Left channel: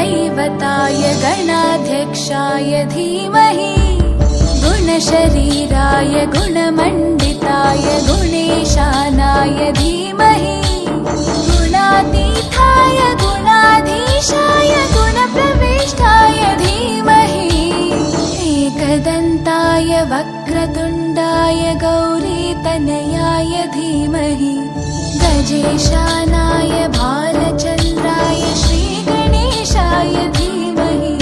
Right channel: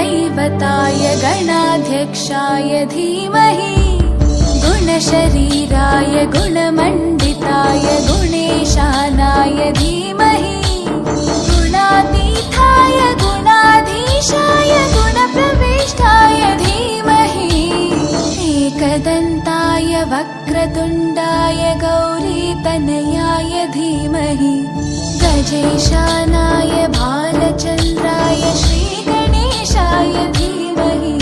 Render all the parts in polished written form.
गुरुदैवताय गणाध्यक्षाय धीमहि गुणशरीराय गुणमण्डिताय गुणेशानाय धीमहि गुणातीताय गुणाधीशाय गुणप्रविष्टाय धीमहि एकदन्ताय वक्रतुण्डाय गौरीतनयाय धीमहि गजेशानाय भालचन्द्राय श्रीगणेशाय धीमहि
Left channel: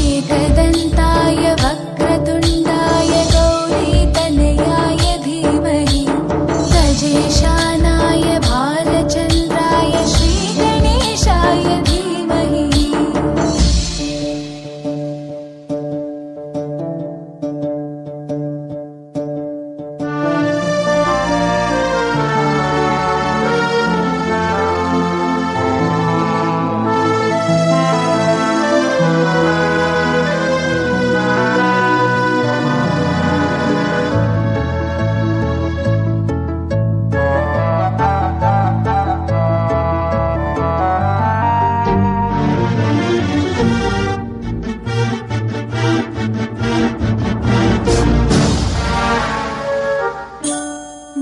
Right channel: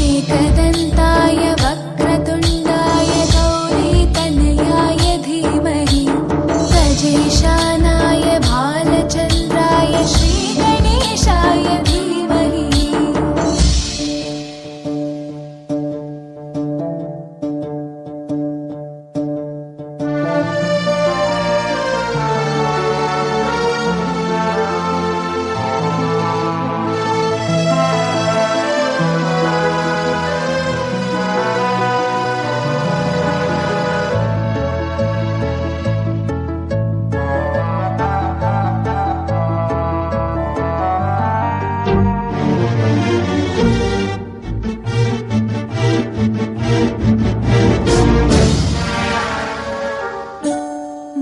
एकदन्ताय वक्रतुण्डाय गौरीतनयाय धीमहि गजेशानाय भालचन्द्राय श्रीगणेशाय धीमहि।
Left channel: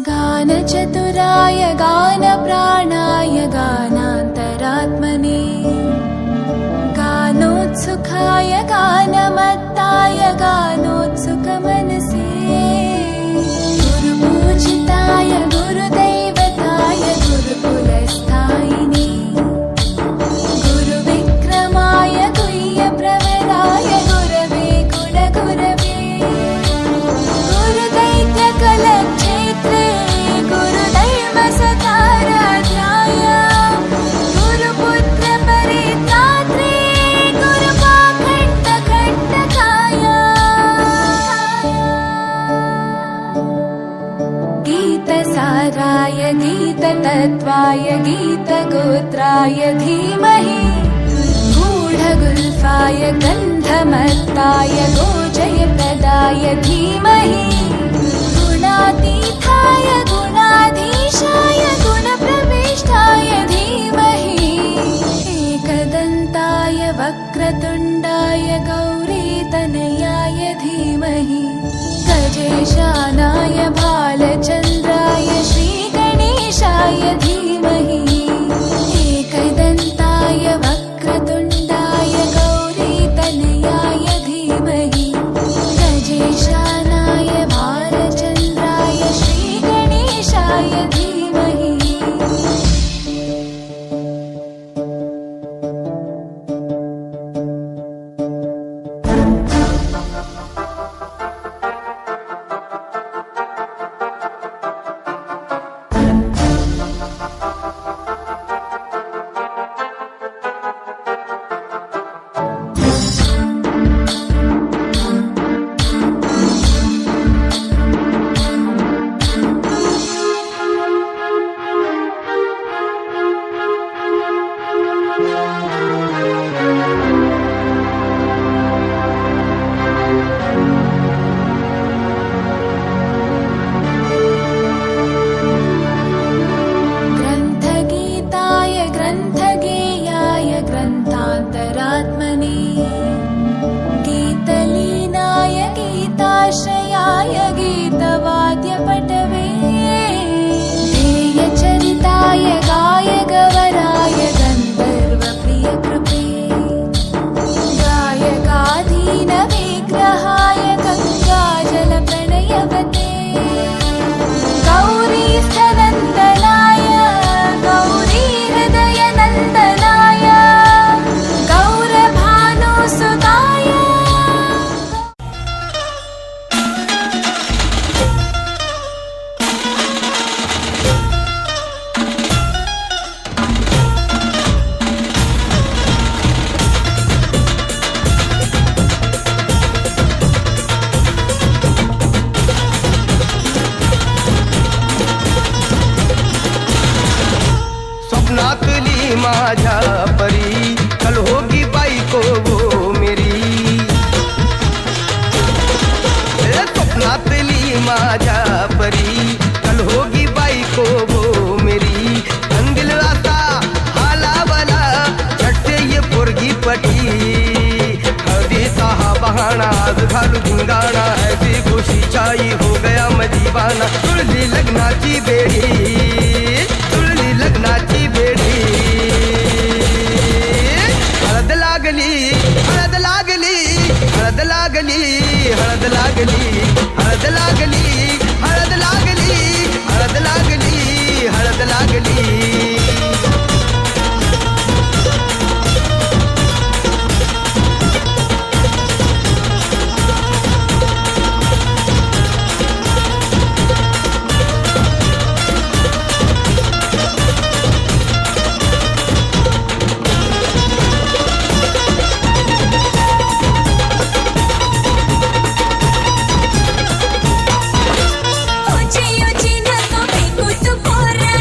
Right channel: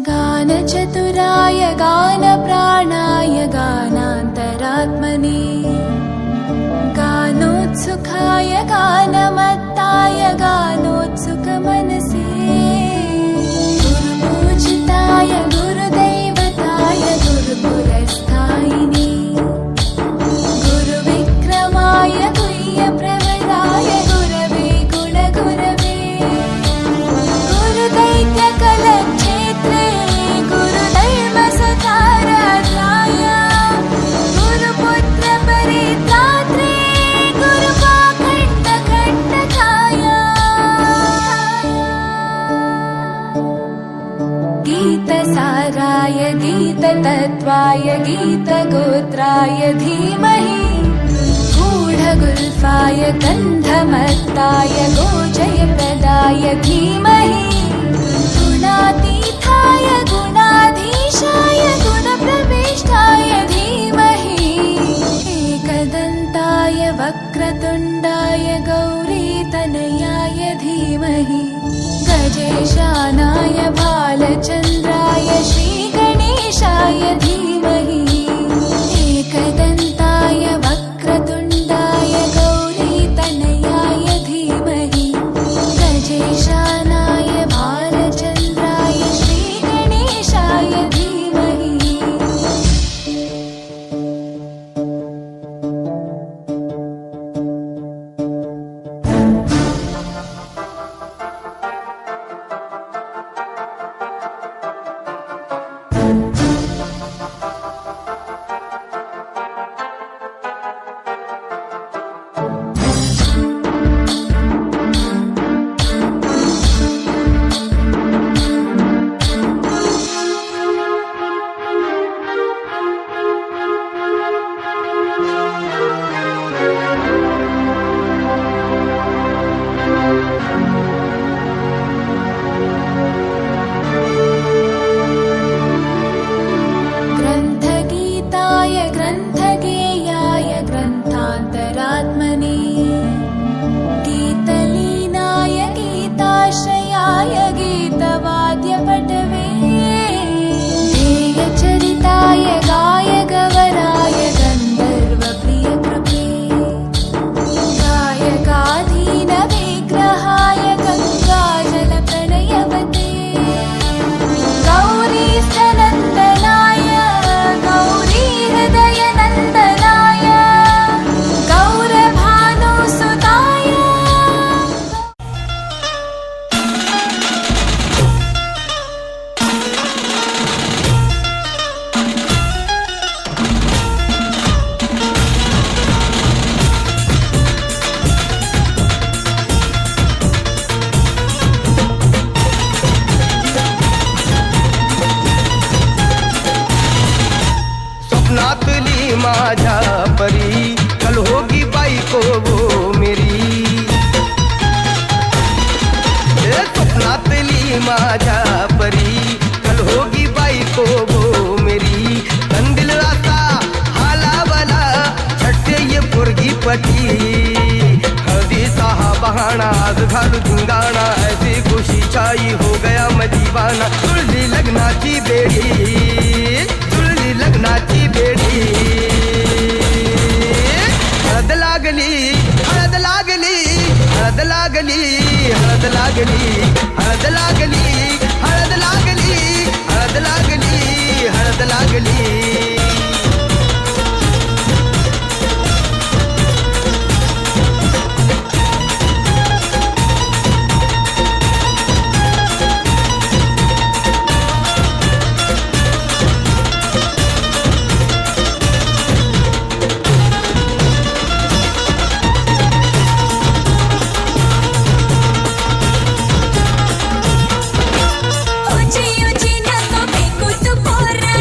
गानचतुराय गानप्राणाय गानान्तरात्मने गानोत्सुकाय गानमत्ताय गानोत्सुकमनसे गुरुपूजिताय गुरुदैवताय गुरुकुलस्थायिने गुरुविक्रमाय गुह्यप्रवराय गुरवे गुणगुरवे गुरुदैत्यकलक्षेत्रे गुरुधर्मसताराध्याय गुरुपुत्रपरित्रात्रे गुरुपाखण्डखण्डकाय गीतसाराय गीततत्त्वाय गीतगोत्राय धीमहि गूढगुल्फाय गन्धमत्ताय गोजयप्रदाय धीमहि गुणातीताय गुणाधीशाय गुणप्रविष्टाय धीमहि एकदन्ताय वक्रतुण्डाय गौरीतनयाय धीमहि गजेशानाय भालचन्द्राय श्रीगणेशाय धीमहि एकदन्ताय वक्रतुण्डाय गौरीतनयाय धीमहि गजेशानाय भालचन्द्राय श्रीगणेशाय धीमहि। ग्रन्थगीताय ग्रन्थगेयाय ग्रन्थान्तरात्मने गीतलीनाय गीताश्रयाय गीतवाद्यपटवे ध्येयचरिताय गायगवराय गन्धर्वप्रियकृपे गायकाधीनविग्रहाय गङ्गाजलप्रणयवते गौरीस्तनन्दनाय गौरीहृदयनन्दनाय गौरभानुसुताय स्वप्नातली माझ्या परी कल होगी बायको वो मेरी स्वप्नातली माझ्या परी कल होगी बायको वो मेरी कंदिल आता हालावला छटते ये पोरगी पटी हळदीचा हा बहाणा आज घालू धिंगाणा ऐसी खुशी छाई हो गया मैं दीवाना तुळली लग्नाची बेडी तुळली लग्नाची बेडी हळद लागली हळद लागली हळद लागली हळद लागली हळद लागली हळद लागली हळद लागली हळद लागली ऊंची ऊंची नको फेकू तू पोरा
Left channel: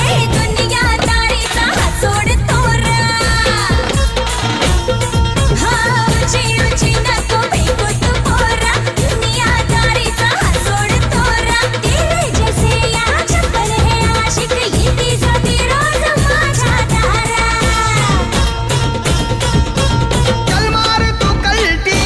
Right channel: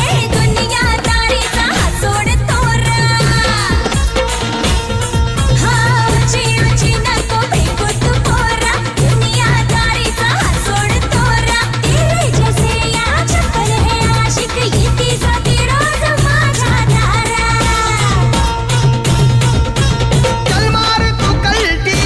ए दुनिया तारीचा हा सोड तोरा हा ऊंची ऊंची नको फेकू तू पोरा दुनिया तारीचा हा सोड तोरा तेरे जैसे या चप्पल है आशिक येती जाती रोज माझ्या दारा चल मार तू कल्टी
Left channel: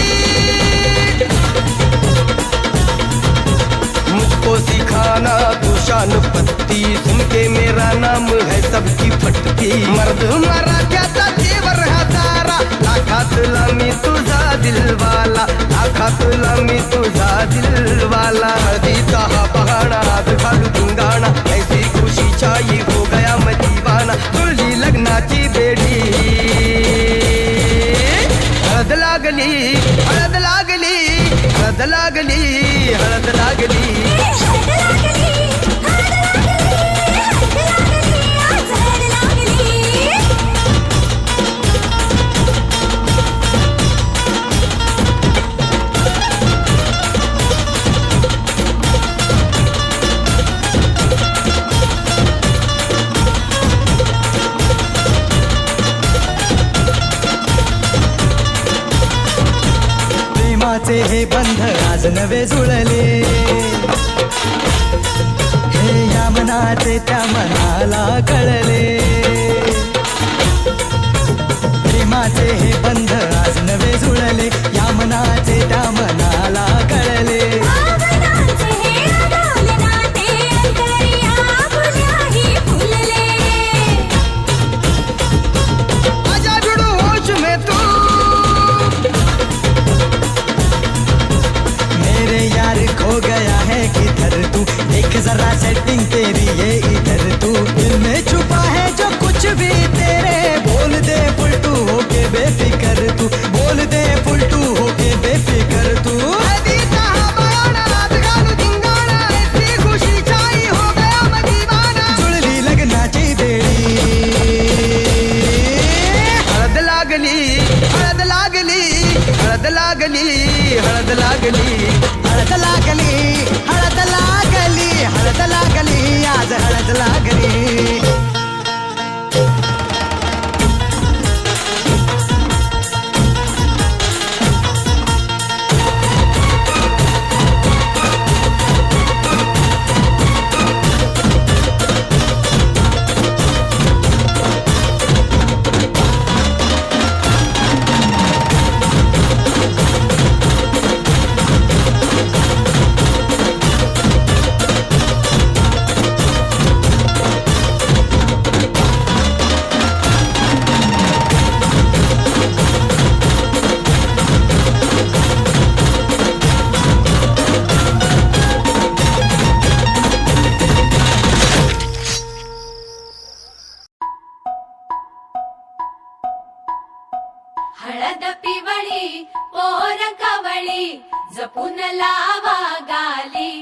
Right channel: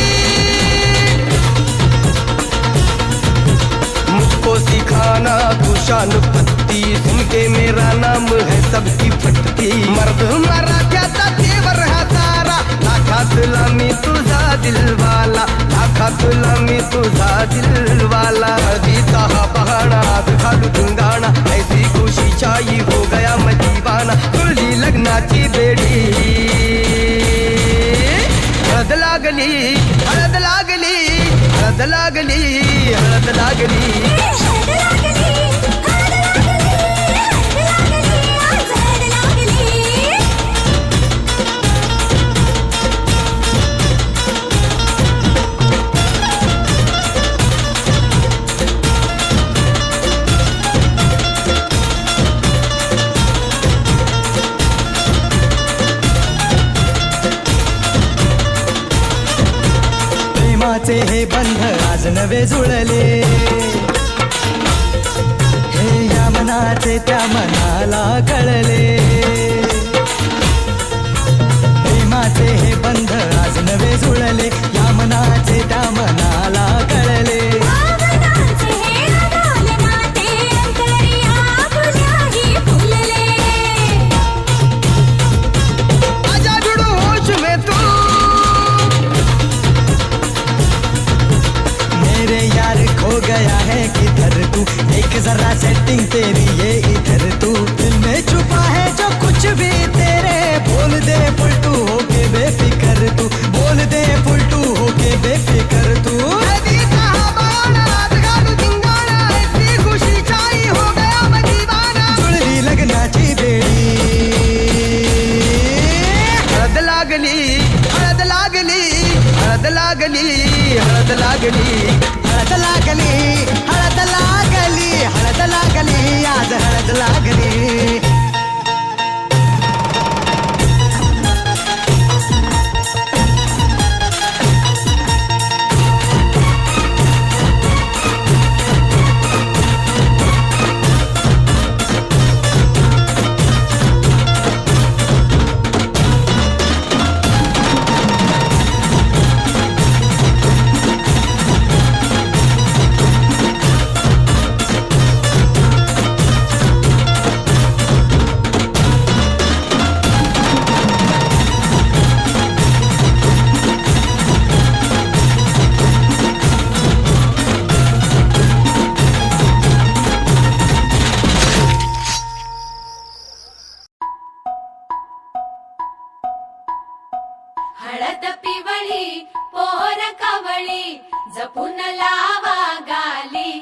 मुझको सिखाना तू शान पत्ती सुन के मेरा नाम है सबकी फटती मर्द मराठ्याचा देवर हा तारा लाखातला मी तुझा दिलवाला लाखातला मी तुझा दिलवाला हळदीचा हा बहाणा आज घालू धिंगाणा ऐसी खुशी छाई हो गया मैं दीवाना तुळली लग्नाची बेडी हळद लागली हळद लागली हळद लागली हळद लागली हळद लागली हळद लागली हळद लागली आज हळद लागली प्रेमाचे हे बंध आज नवे जुळले हे या मनाचे त्या मनाला कळले प्रेमाचे हे बंध आज नवे जुळले या मनाचे त्या मनाला कळले भावनांचे हे अडोले नाते अंतरिया फुल्याही फुलले आजा भिड़ो होश में तू मेरे यार खो गया है किधर तू देख जरा सेटिंग तेरी ये इधर तू दिल में छुपा है जो कुछ भी तेरे बोल दे फुलटू होके बेफिकर तू बोल दे फुलटू होके बेफिकर तू हळदीचा हा बहाणा आज घालू धिंगाणा ऐसी खुशी छाई हो गया मैं दीवाना जुळली लग्नाची बेडी हळद लागली हळद लागली हळद लागली हळद लागली हळद लागली हळद लागली हळद लागली आज हळद लागली हळद पिवळी पोर कवळी जपून लावा गाली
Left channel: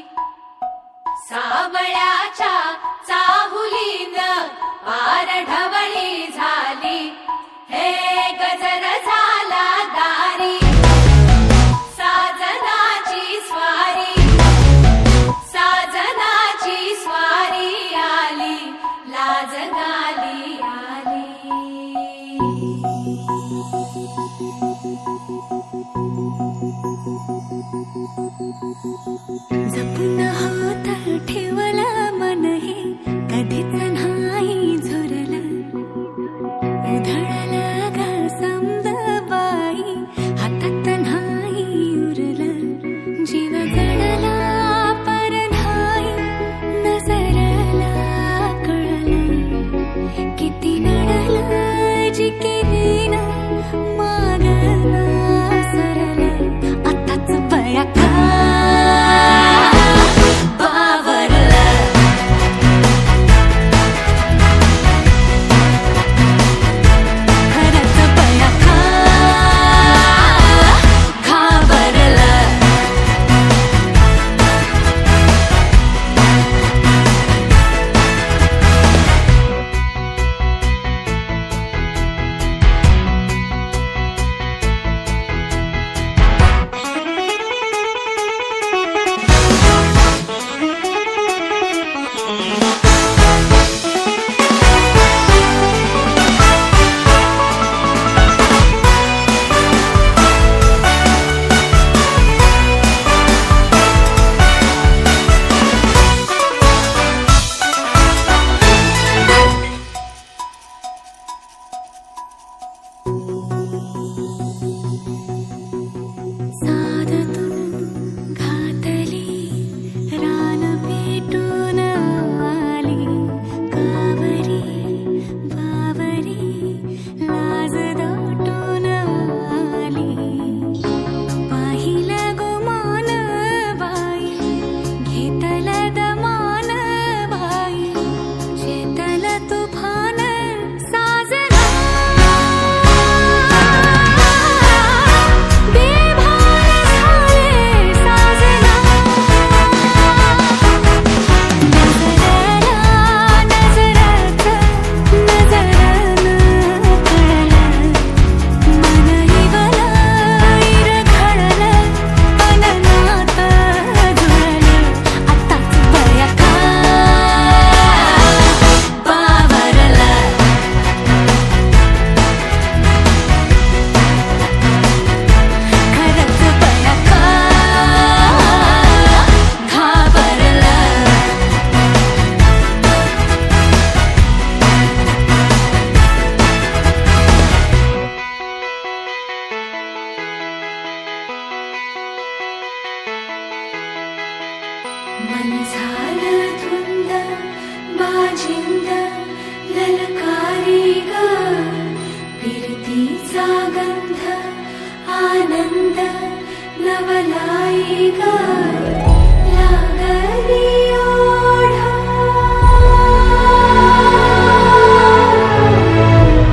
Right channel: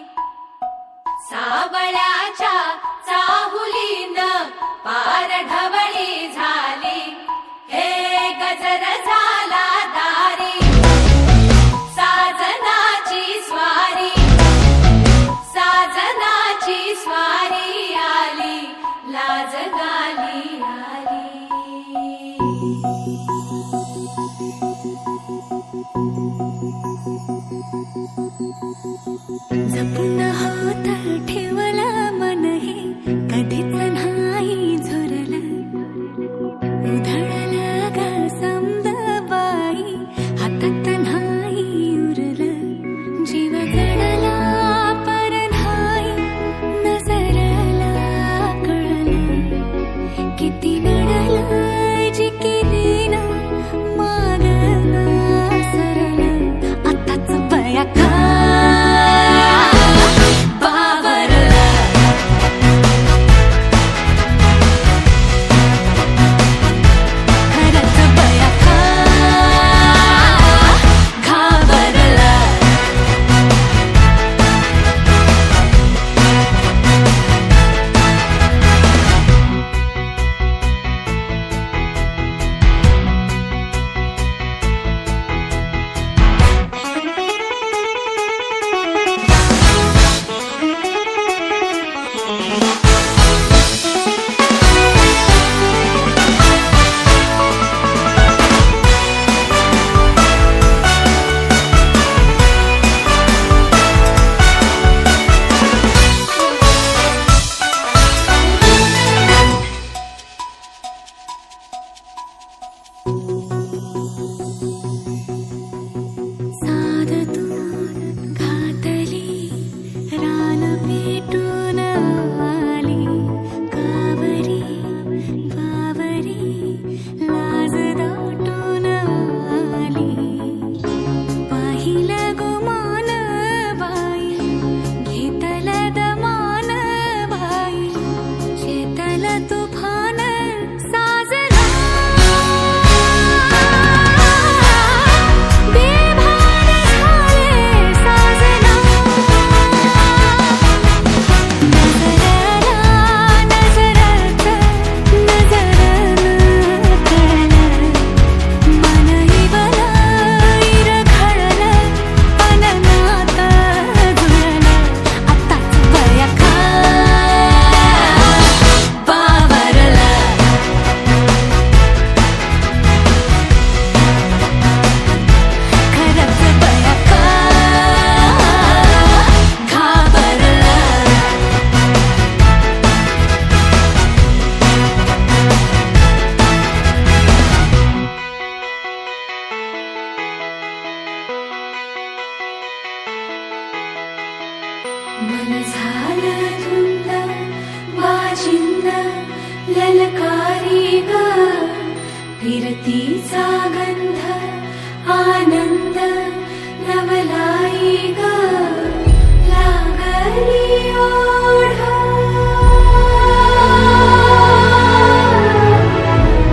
सावळ्याच्या चाहुलीन पार ढवळी झाली हे गजर झाला दारी साजनाची स्वारी साजनाची स्वारी आली लाज गाली आली जपून होत ठेवला मन हे कधीच नाही झुरलं उधळलं ग समदबाई, हातात नाही उरलं, जीव जडला पर नाही नजरला कळलं, किती नडलं जी केली ना मागना सरलं, आताच बया का मन झालं धुंद बाजिंद ललकारी ग फिरतीचा गंध आनंद नवलाई ग लागली ओढा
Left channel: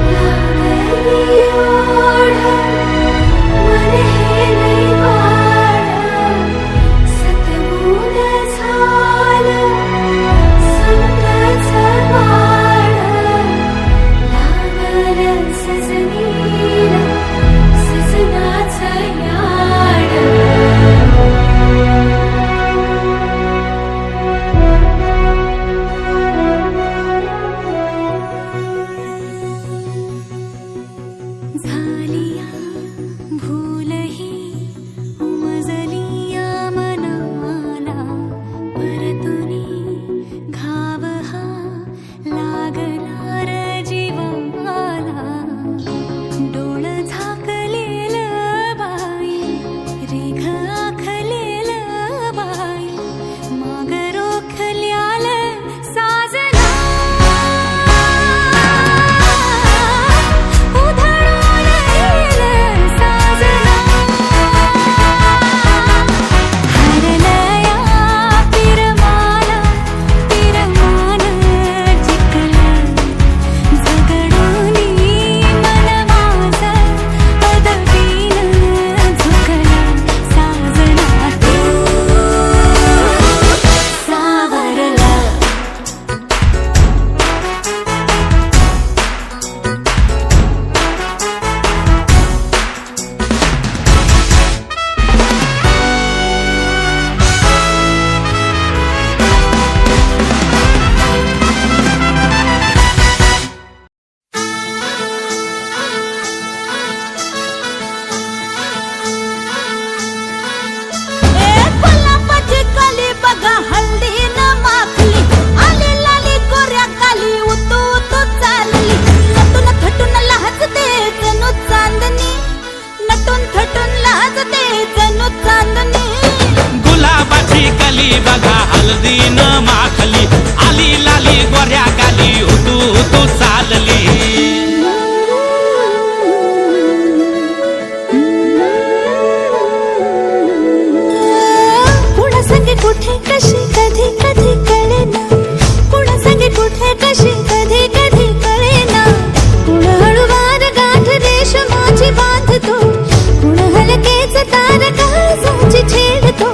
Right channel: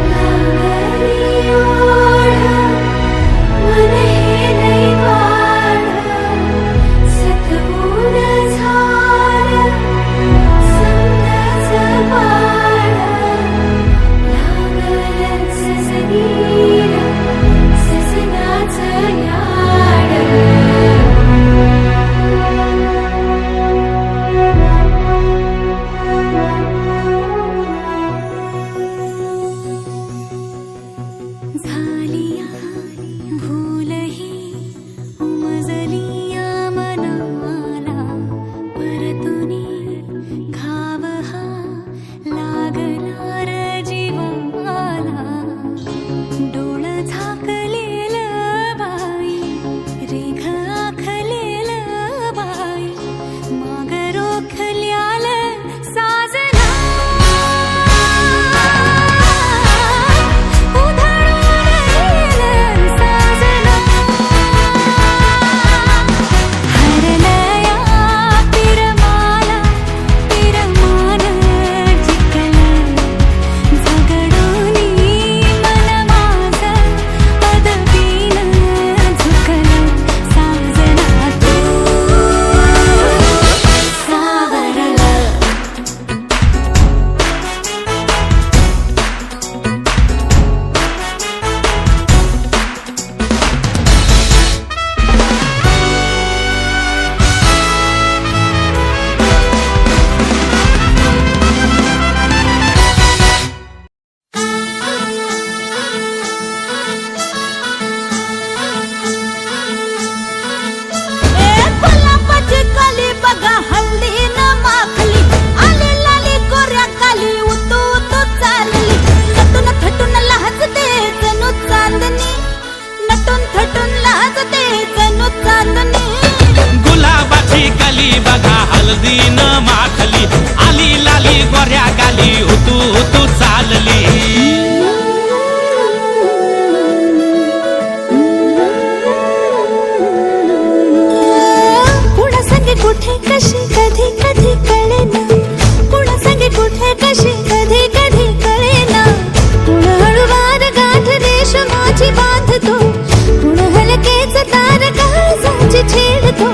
लागली ओढा मन हे लई वाढ सतबून झालं समजाचं पाड लागलं सजनीला सजनाचं याड गाली बघा हळदीन माखली आली लाली गोऱ्या गाली उतू उतू चालली कुणा संगे कुठे कशी कधी कधी कळेना कुणा संगे कुठे कशी कधी कधी कळेना कुण हळूवार गाठ रेशमाची बांधतो कुण हलकेच तार काळजाची छेडतो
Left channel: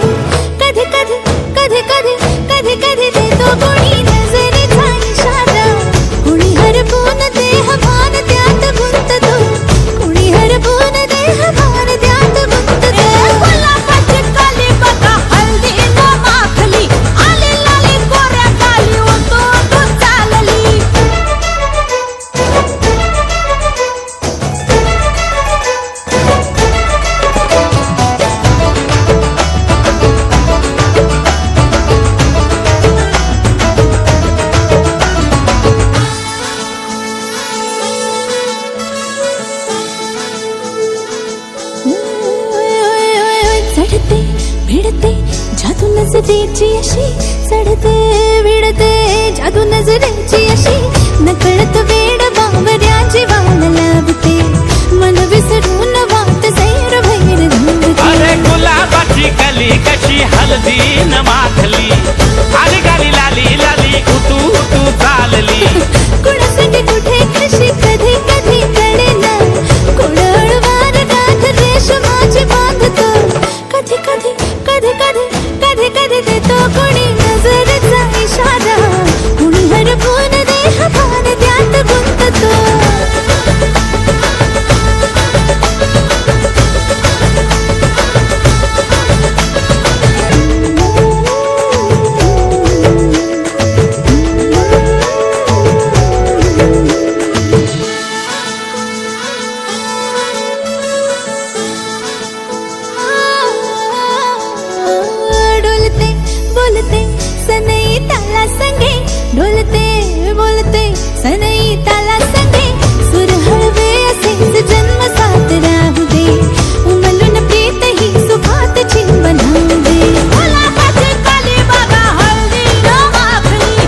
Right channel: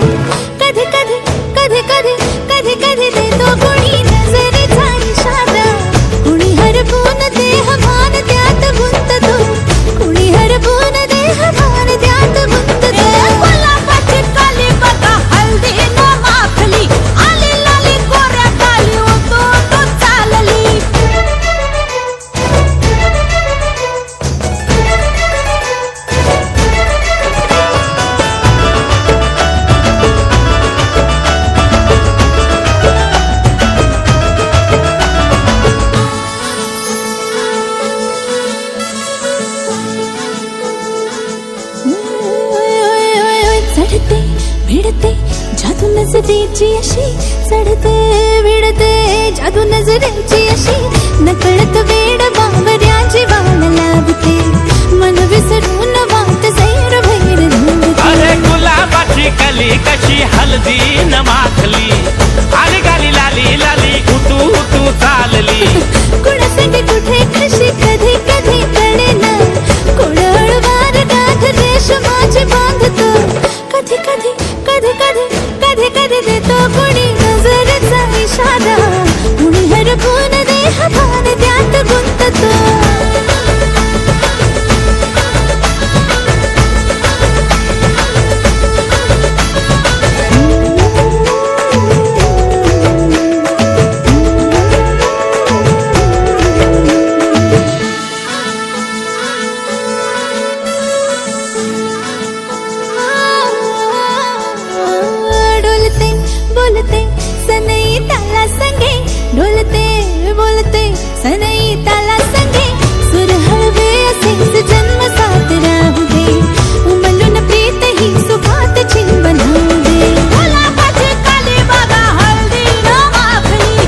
कधी कधी कधी कधी कधी कधी देतो कुणी नजरेचा इशारा कुणी हरपून देह भान त्यात गुंततो कुणी हरपून देह भान त्यात गुंततो गुलाबाची काली बघा हल्दी न माखली आली लाली गोऱ्या गाली उतू उतू चालली चढते भिडते जादू नजरेची अशी चढते भिडते जादू नजरेची अशी नकळत वेड बावऱ्याची वाल लावते मन विसरून वाट सैर भैर धावते अरे गुलाबाची कली कशी हळदीन माखली आली गाली लाली लाली उतू उतू चालली कुणासाठी कुठे कशी कधी कधी कळेना कुण हळूवार गाठ रेशमाची बांधतो कधी कधी कधी कधी कधी कधी देतो कुणी नजरेचा इशारा कुणी हरपून देह भान त्यात गुंततो डोलते बोलते सनई ताला संगे डोलते बोलते सनई ताला संगे सुर हळवे असेच जन्म साथ राहू दे उमलून प्रीत ही सुखात चिन बनवू दे गुलाबाची काली बघा हळदी न माखली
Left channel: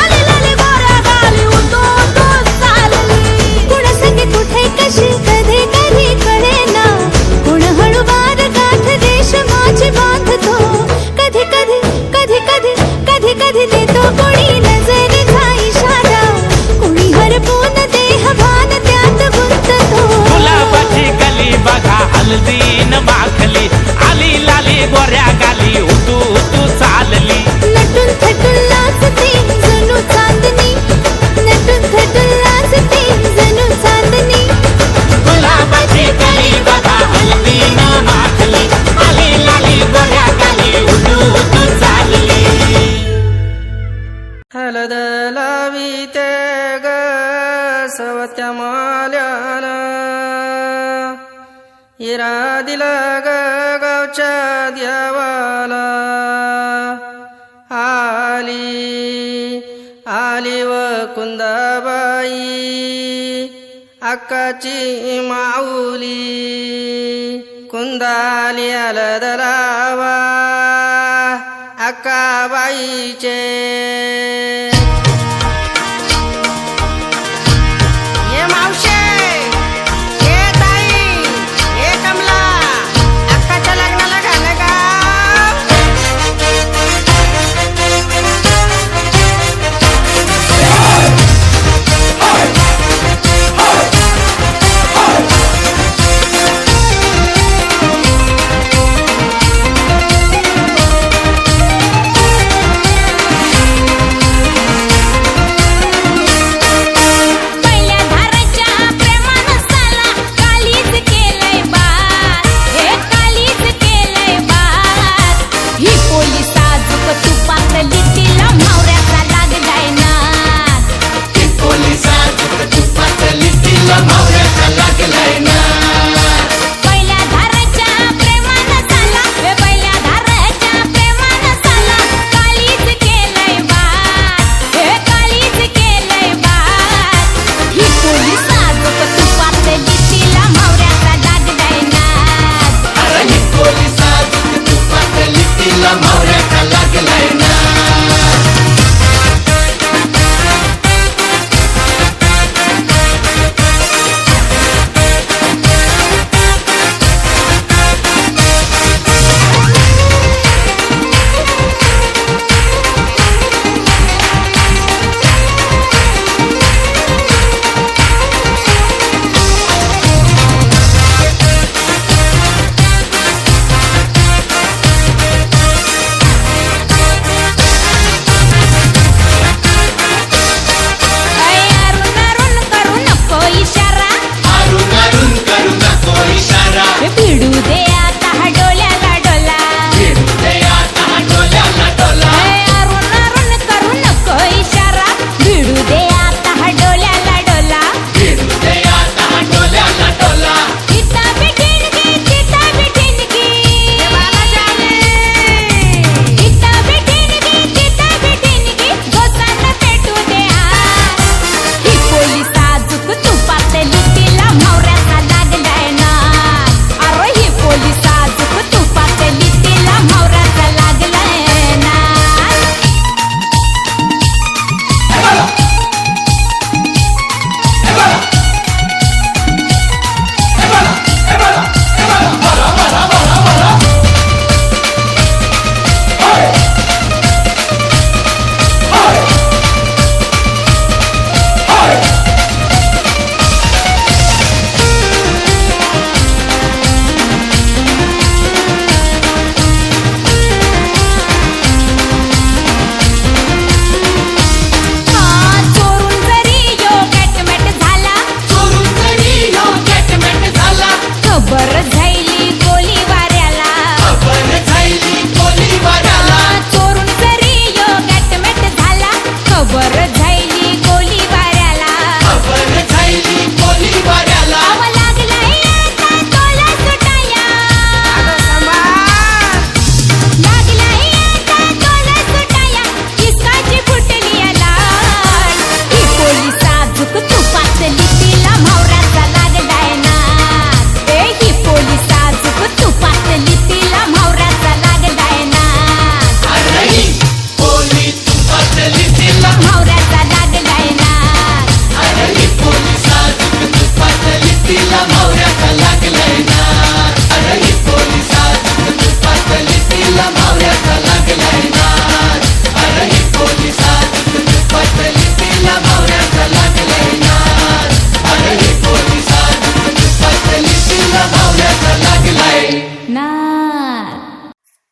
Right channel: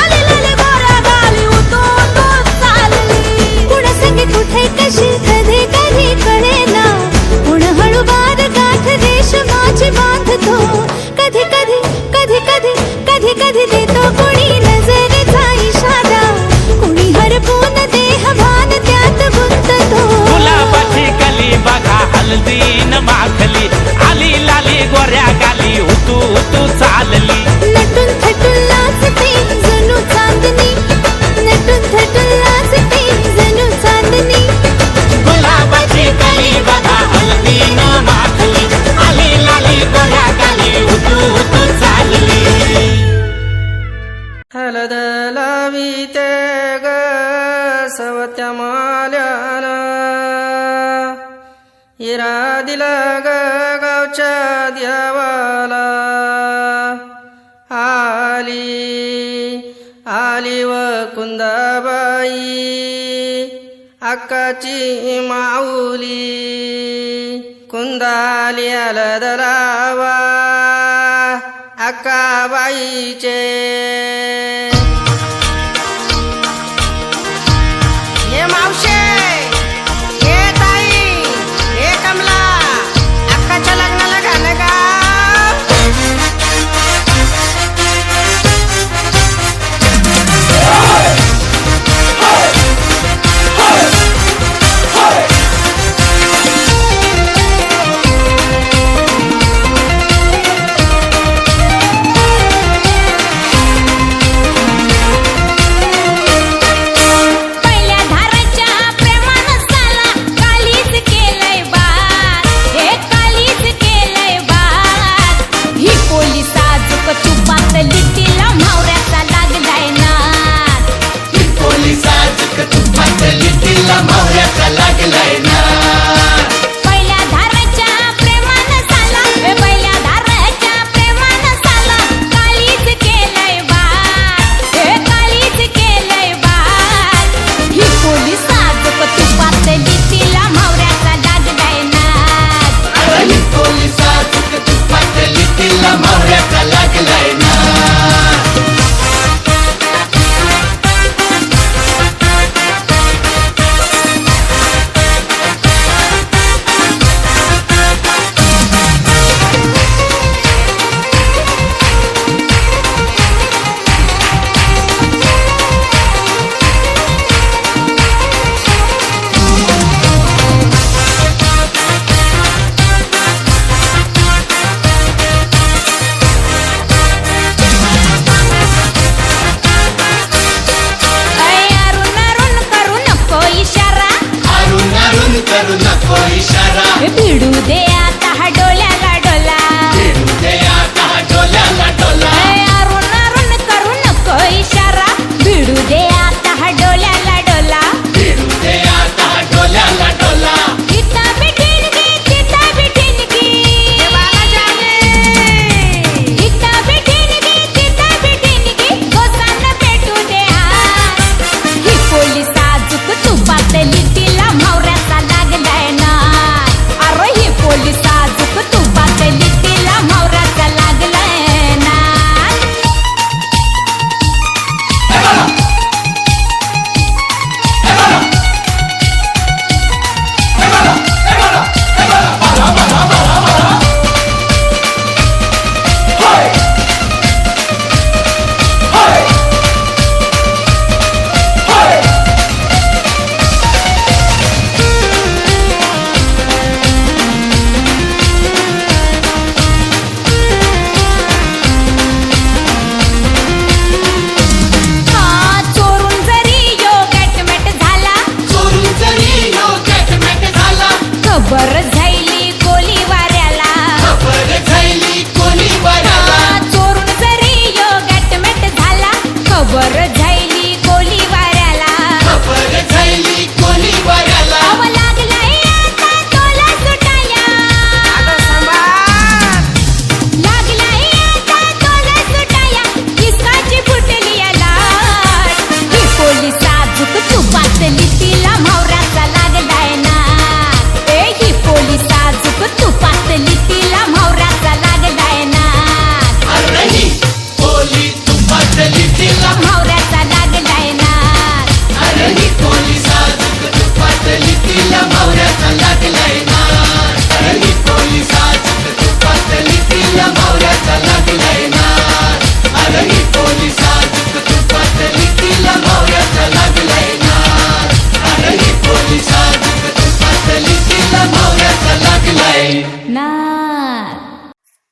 आली लाली गोऱ्या गाली उतू उतू चालली कुणा संगे कुठे कशी कधी कधी कळेना कुण हळूवार गाठ रेशमाची बांधतो कधी कधी कधी कधी कधी कधी देतो कुणी नजरेचा इशारा कुणी हरपून देह भान त्यात गुंततो गुलाबाची कली बघा हळदीन माखली आली लाली गोऱ्या गाली उतू उतू चालली नटून थटून लाजते जणू चांदणी नटून थटून लाजते जणू चांदणी गुलाबाची कली बघा हळदीन माखली आली लाली गोऱ्या गाली उतू उतू चालली हलद लाविते ग सवत्या माल्यानं हिरा दिला ग गावच्या द्यावाला आली आली व कुंदाबाई अक्काची माऊली कुंदाली हलद लावा अक्काबाईचे ये मावशे ये ताई ये कमला अक्काच्या लग्नाला घाल का पोलिसा तुपातली तिला मावऱ्याचा लागला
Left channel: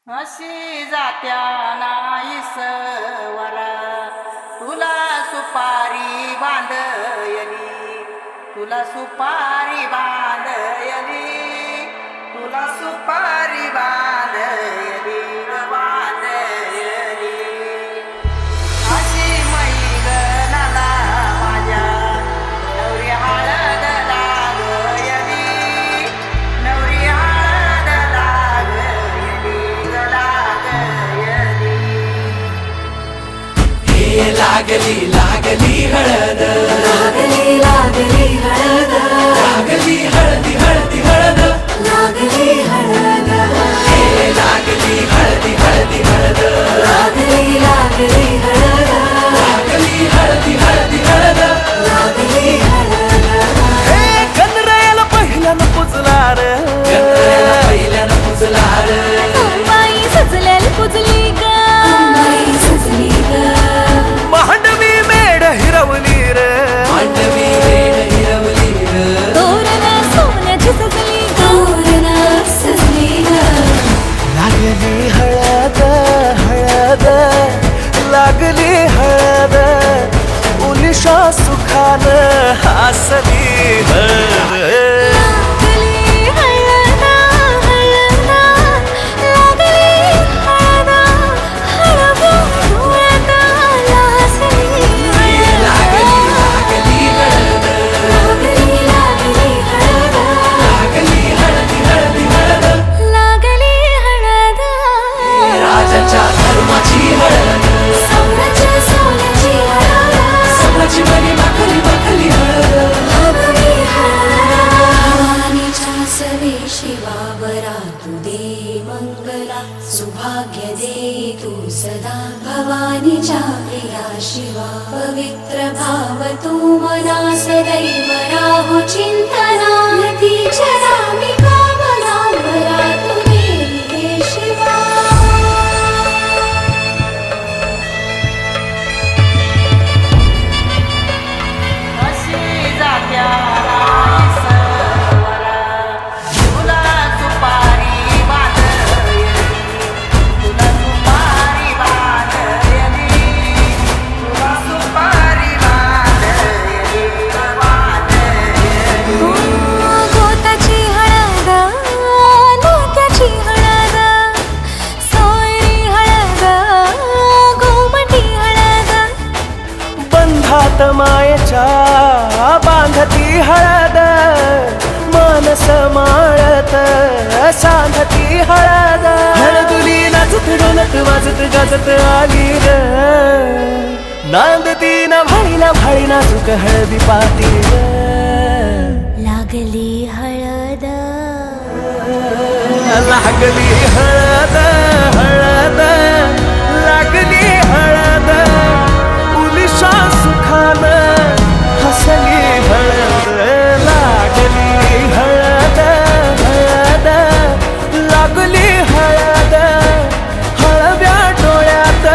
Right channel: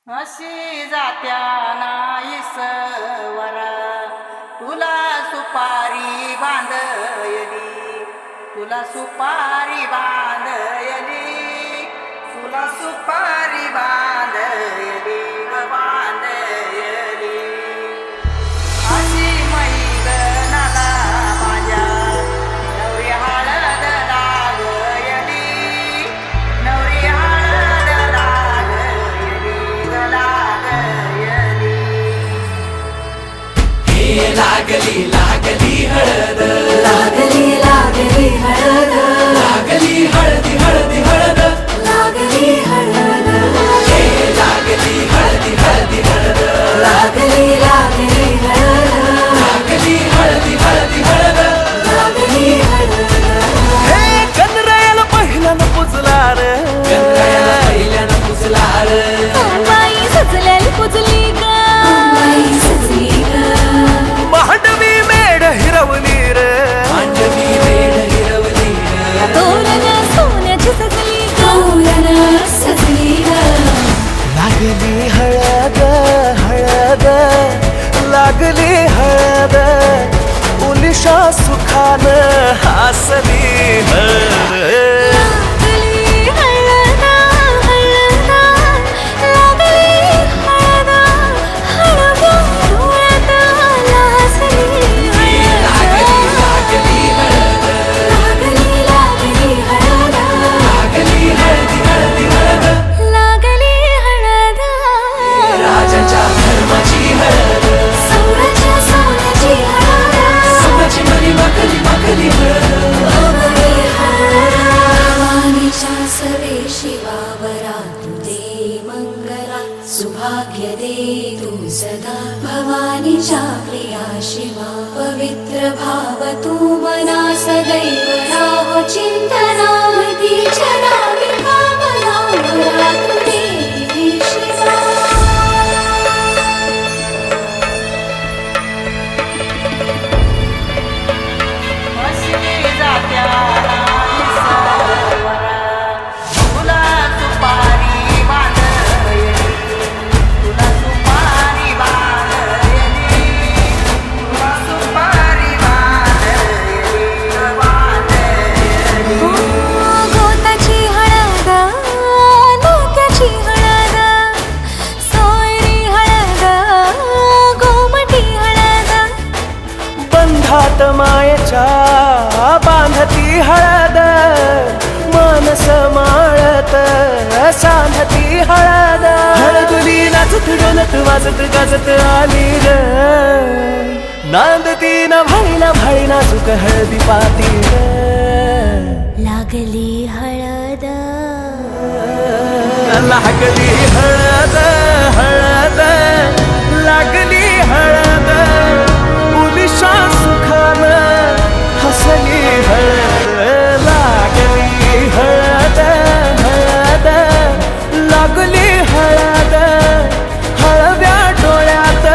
अशी जात्या नाईसवरा तुला सुपारी बांधयली, तुला सुपारी बांधयली, तुला सुपारी बांधयली ग बांधयली. अशी मैगनाला माझ्या नवरी हळद लागयली, नवरी हळद लागयली ग लागयली. लागली लागली हळद, लागली लागली हळद, लागली हळदी हळदी हळद, लागली हळद, लागली हळदी हळदी हळद, लागली लागली हळद, लागली हळदी हळदी हळद. लागली हळद. हे गणरायाला पहिल्यानं पुजला रे, पहिल्यानं पुजला रे, अंबाई सजल्याली पुजली ग, अंबाई सजली ग, मांडवी मेढ हिरवली रे, मांडवी वेळ हिरवली रे. तोरण सोन्याची सजली ग, तोरण सजली ग. लागली हळद हळद, लागली हळद, उलिशा सुखान हसली हळद. लागली हळद हळद, लागली हळद, हळव्या डोळ्यात लाजली हळद. लागली लागली हळद, लागली हळदी हळदी हळद, लागली हळद. राजाच्या धर्माची हळद, सोन्याची सोन्याची हळद, सोन्याची मली मखली मखली हळद. लागली हळद. भवानीच्या सवे शिवावरा तू दे मंगला, सुभाग्य दे तू सदा. भवानीच्या प्रिया शिवा पवित्र भाव तू मना सदैव राहो चिंतना. तीच्या रामी भावना मला तू दे शिवा. अशी जात्या नाईसवरा तुला सुपारी बांधयली, तुला सुपारी बांधयली, तुला सुपारी बांधयली ग बांधयली. गोताची हळद, नात्याची हळद, सोयरी हळद, गोमटी हळद. बंधात मायेच्या बांधती हळद, मानस माळत सांधती हळद. हळदुली नाचत डोलत वाजत गाजत आली र, नांदती ना भाळी नाजूक हळदी पाती र. लागली हळद, लागली हळद हळद, लागली हळद, उलिशा सुखान हसली हळद. लागली हळद हळद, लागली हळद, हळव्या डोळ्यात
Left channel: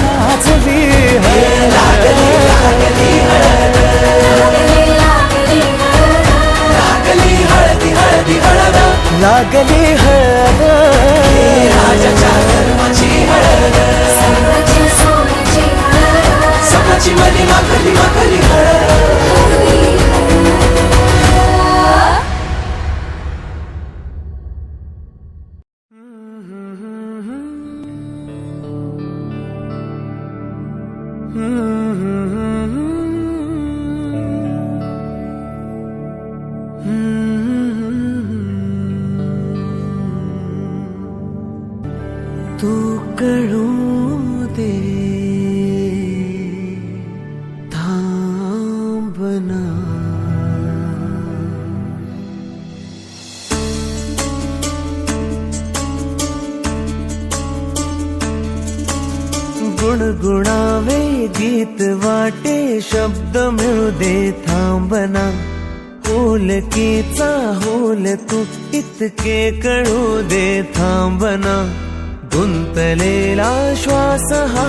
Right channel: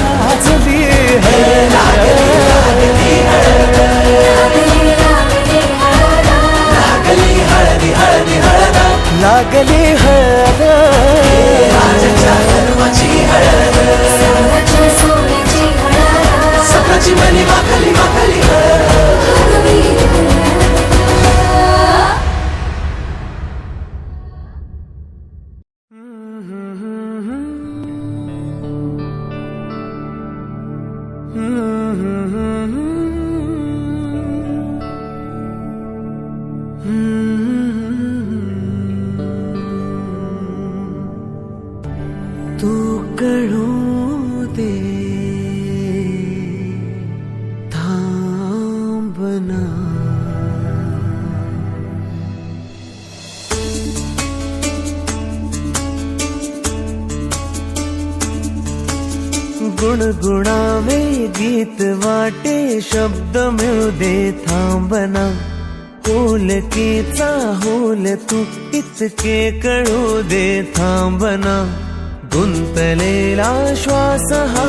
लाजली हळद. लागली लागली हळद, लागली हळदी हळदी हळद, लागली हळद. धर्माची हळद, सोन्याची सोन्याची हळद, सोन्याची मली मखली मखली हळद. लागली हळद. तू कळू दे थांबना. गुणगुणावे गीत वाटे शब्द मिळू दे थांबना. होलकीचा होल तू इतके कळू दे थांबना. गुंतलेला श्वास हा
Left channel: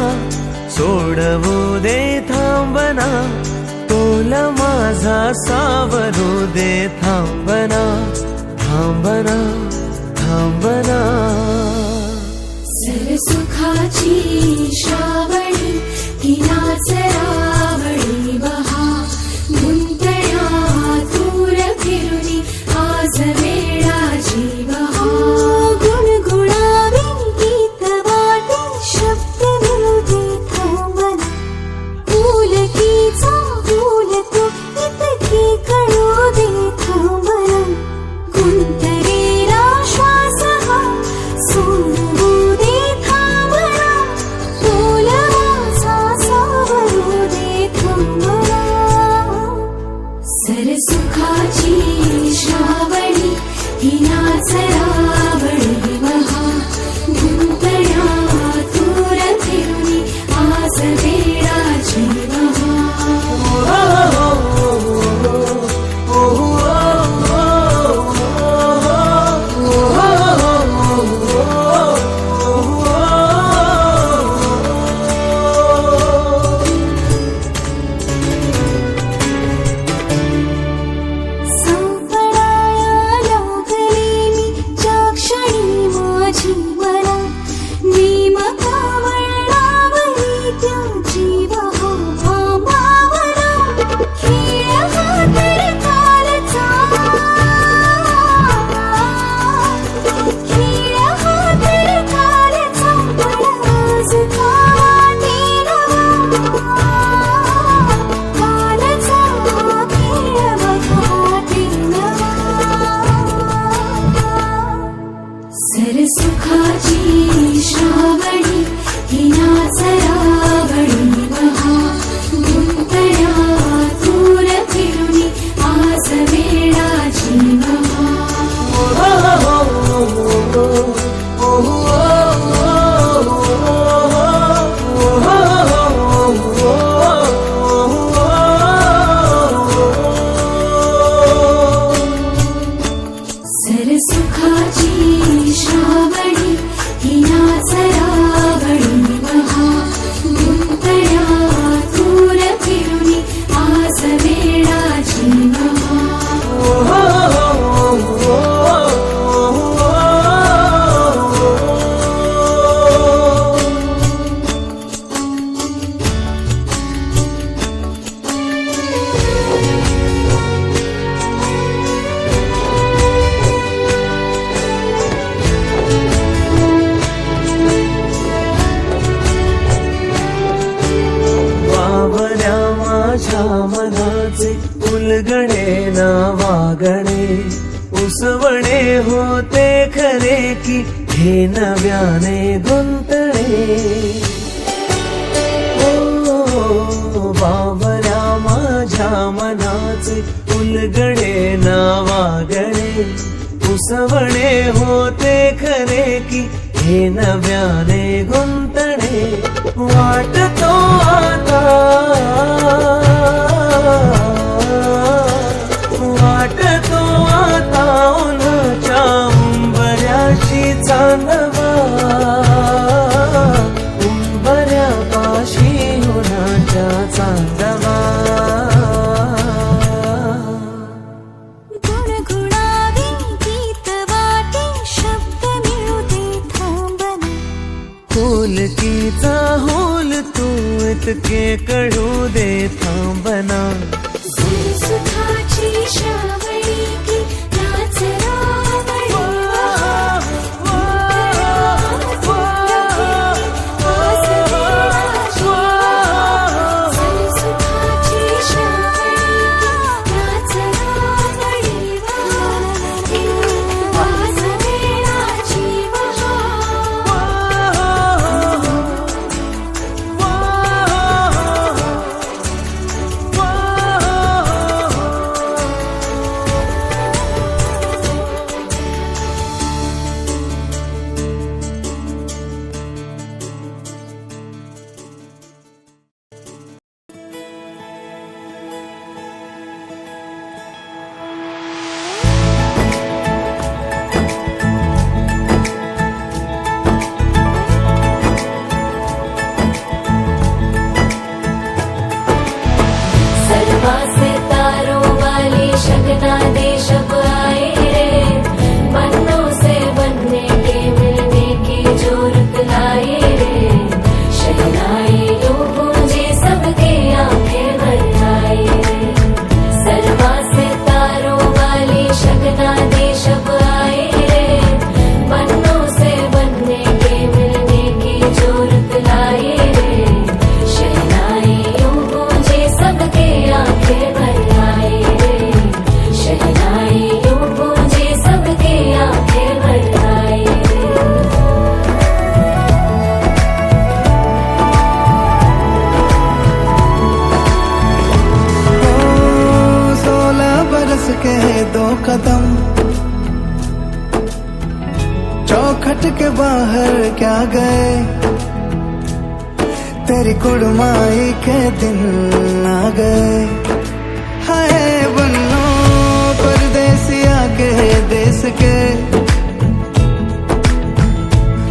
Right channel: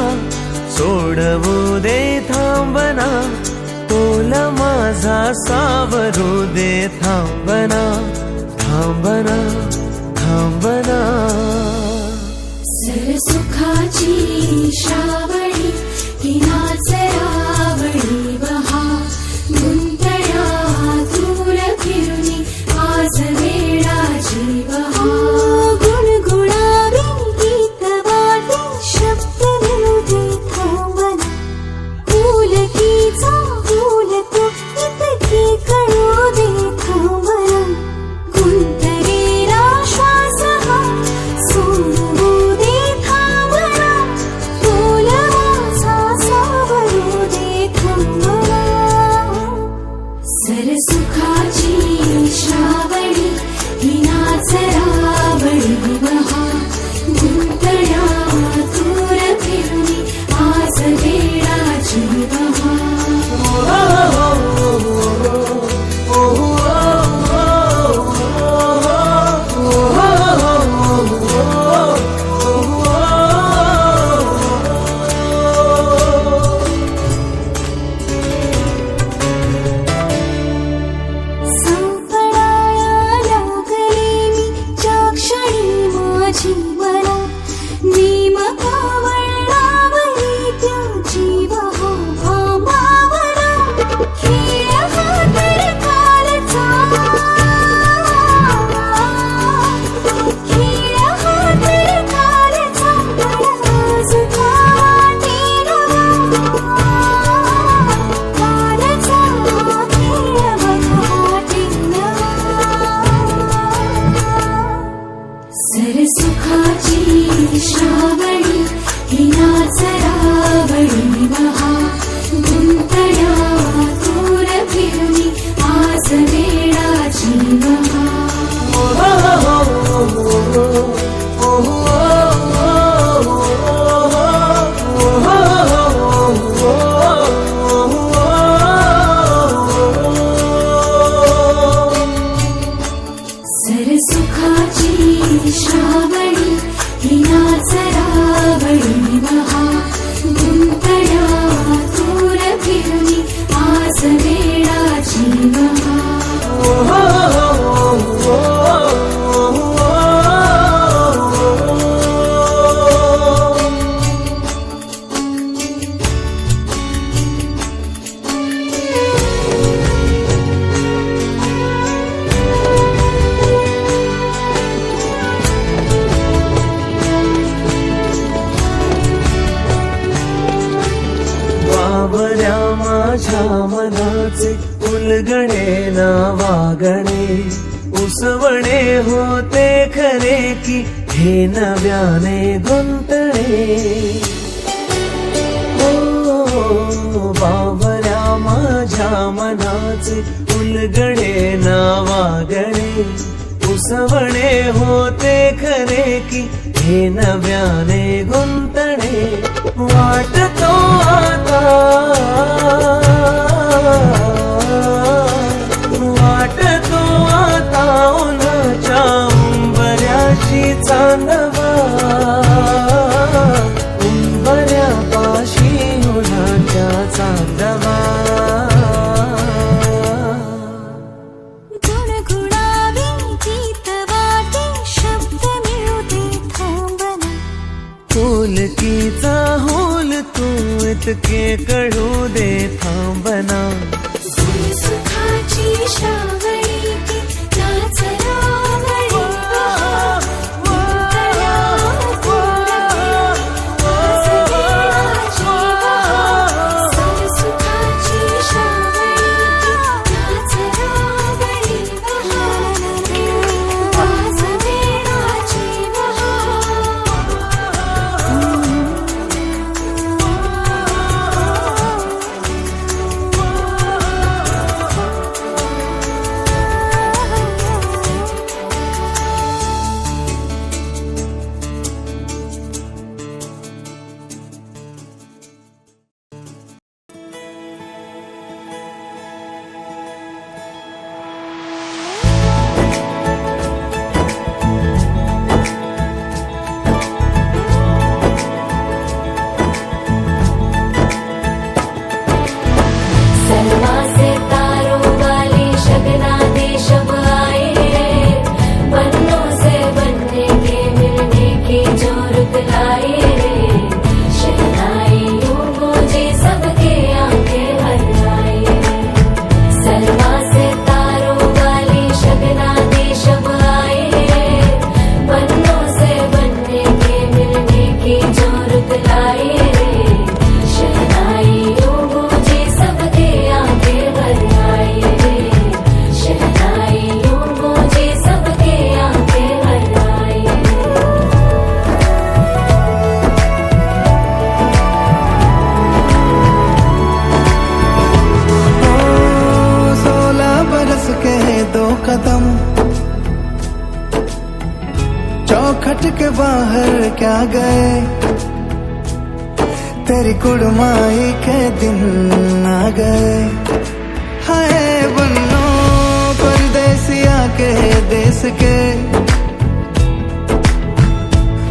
सोडवू दे थांबना. तोल माझा सावरू दे थांबना. थांबना थांबना. सुखाची श्रावणी ही नाचरावणी बहा गुंतण्या दूर फिरुनी आज वेळाची बहा गुणगुणावी गीत वाटे शब्द मिळू दे थांबना पुलकीचा फूल तो इतकी कळू दे थांबना गुंतलेला श्वास हा सोडवू दे थांबना तोल माझा सावरू दे थांबना सरसुखाची श्रावणी ही नाचरावणी बहा गुंतण्या दूर फिरुनी आज वेळाची बहा संपणाया लागले मी ज्या क्षणी माझी मला नेमका वळणावली त्या जीव हा भामावला खेळ हा तर कालचा खेळ हा तर कालचा पण आज काटे नवा कालचा खेळ बघाटे नवा सरसुखाची श्रावणी ही नाचरावणी बहा गुंतण्या दूर फिरुनी आज वेळाची बहा सरसुखाची श्रावणी ही नाचरावणी बहा गुंतण्या दूर फिरुनी आज वेळाची बहा बावऱ्या माझ्या मनाचे उलगणे ना वागणे उसवणे होते खरे की हे नव्याने गुंतणे हो बावऱ्या माझ्या मनाचे उलगणे ना वागणे उसवणे होते खरे की हे नव्याने गुंतणे वाटतो आता वाटतो आता उन्हाच्या उंबऱ्याशी चांदवा उंबऱ्यापाशी उन्हाच्या चांदवा गुणगुणावी गीत वाटे शब्द मिळू दे थांबना पुलकीचा होल तू इतके कळू दे थांबना सुखाची श्रावणी ही नाचरावणी सरसुखाची श्रावणी नाचरावणी आज वेळाची बहा के 2 कदम, चौखट के बाहर क्या गए, तेरी कुड़माई के दिन आ गए। हाय बन्नो परदेसिया के देश के,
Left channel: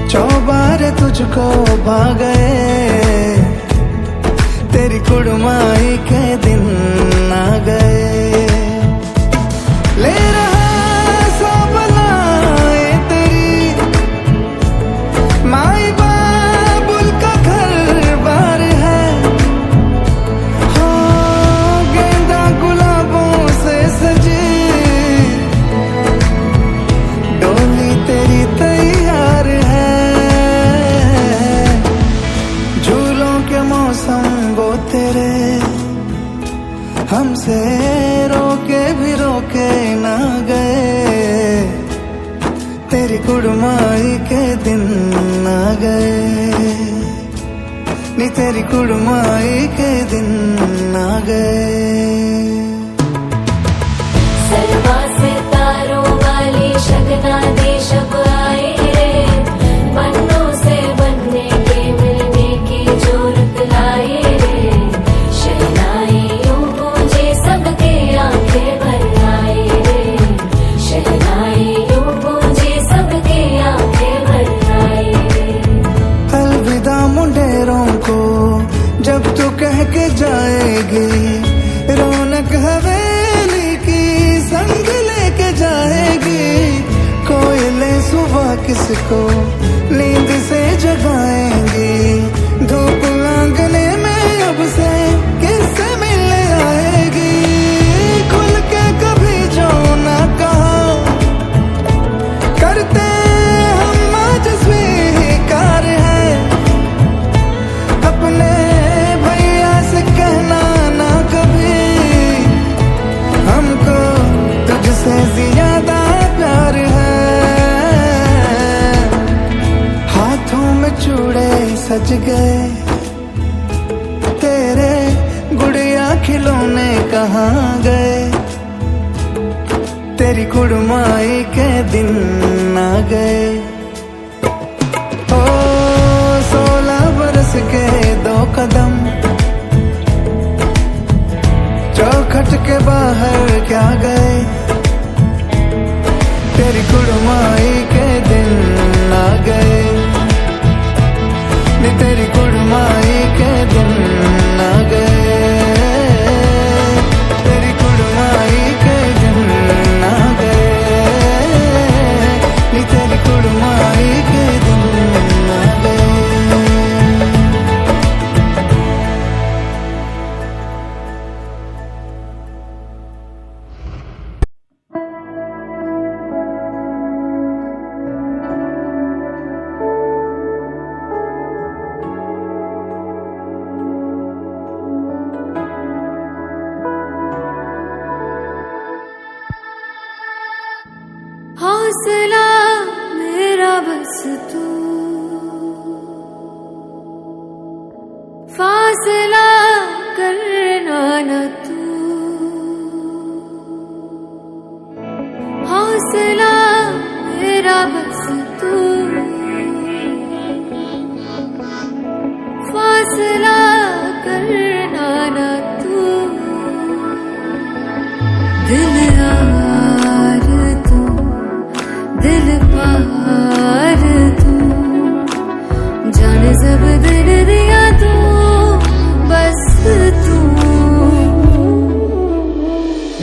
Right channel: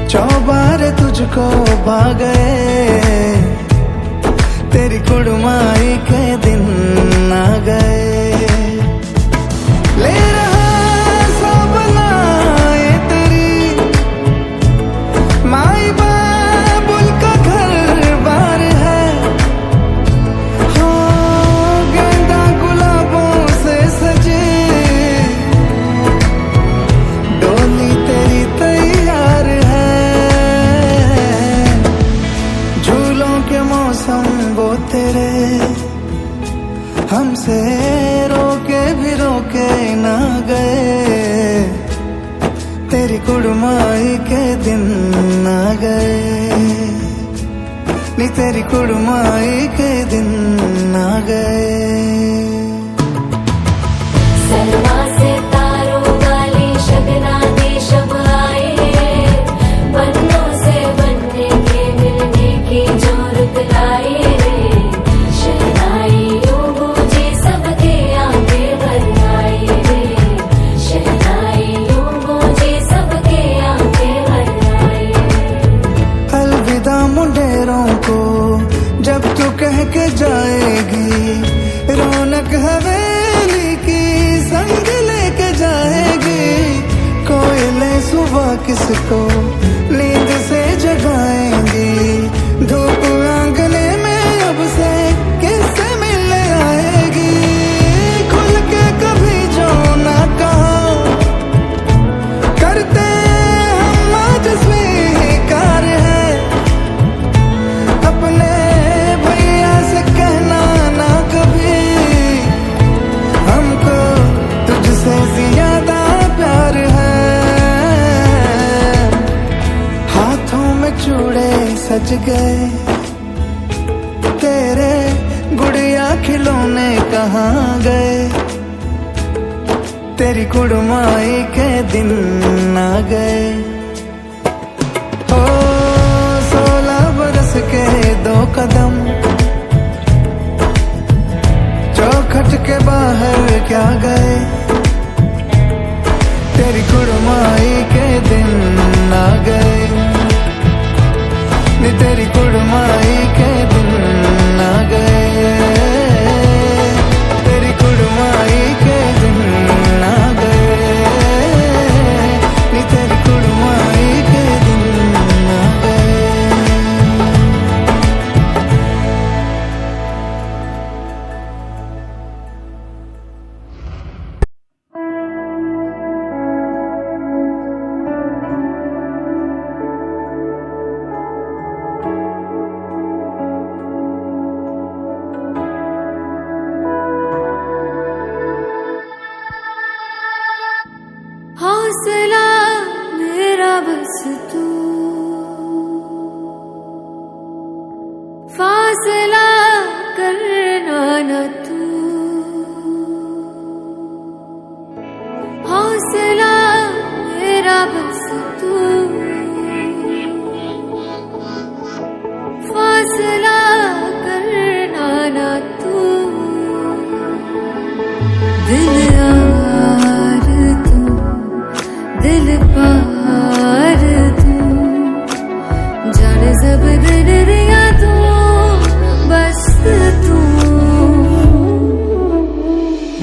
चौबारे तुझको भा गए, तेरी कुड़माई के दिन आ गए। ले रहा सब लाए तेरी माई बाबुल का घर बार है, हो गेंदा गुलाबों से सजे, डोली तेरी तैयार है। झूलों के मौसम वो तेरे, हमसे रोके भी रोके ना गए, तेरी कुड़माई के दिन आ गए, नी तेरी कुड़माई के दिन आ गए। सलमा से तारों वाली शगना दे शब आए रे, बनों से बनने के मिलने की जो रुत लाए रे, शहनाइयों गूंजे सबके आंखें भर आए रे, शहनाइयों गूंजे सबके आंखें भर आए। अलविदा मुंडेरों को जब तू कह के जाएगी, रौनक हवेली की संग लेके जाएगी, कोयले सुबह किसको नींद से जगाएंगी, धूप आंगने में अब से किससे मिलने आएगी, खुल के कभी जो ना कहा करते हम आज स्वीकार है, अपने भैया से कहना ना कभी, हमको तुझसे ज्यादा प्यार है। हाथों में चूड़े सज गए, तेरे गुड़िया खिलौने कहाँ गए, तेरी कुड़माई के दिन आ गए। ओ 16 बरस के 2 कदम, चौखट के बाहर क्या गए, तेरी कुड़माई के दिन आ गए, नी तेरी कुड़माई के दिन आ गए, तेरी कुड़माई के दिन आ गए, नी तेरी कुड़माई के दिन आ गए। हौसला मेरा बस तू, फासला करना न तू, हौसला मेरा बस तू, फासला करना न तू, दिल यार तू, दिल पार तू, जान सब दिल दिया तू, बस तू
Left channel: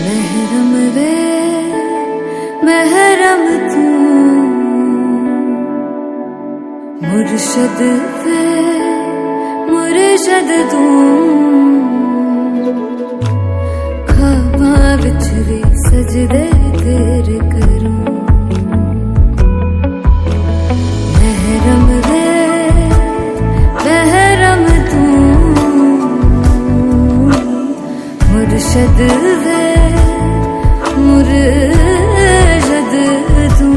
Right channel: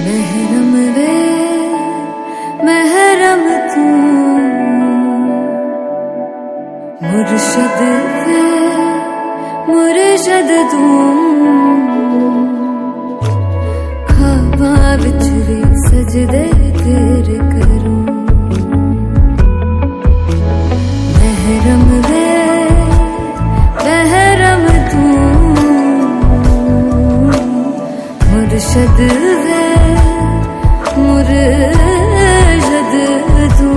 महरम वे महरम तू, मुर्शद वे मुर्शद तू, ख्वाबां विच भी सजदे तेरे करूं, महरम वे महरम तू, मुर्शद वे मुर्शद तू,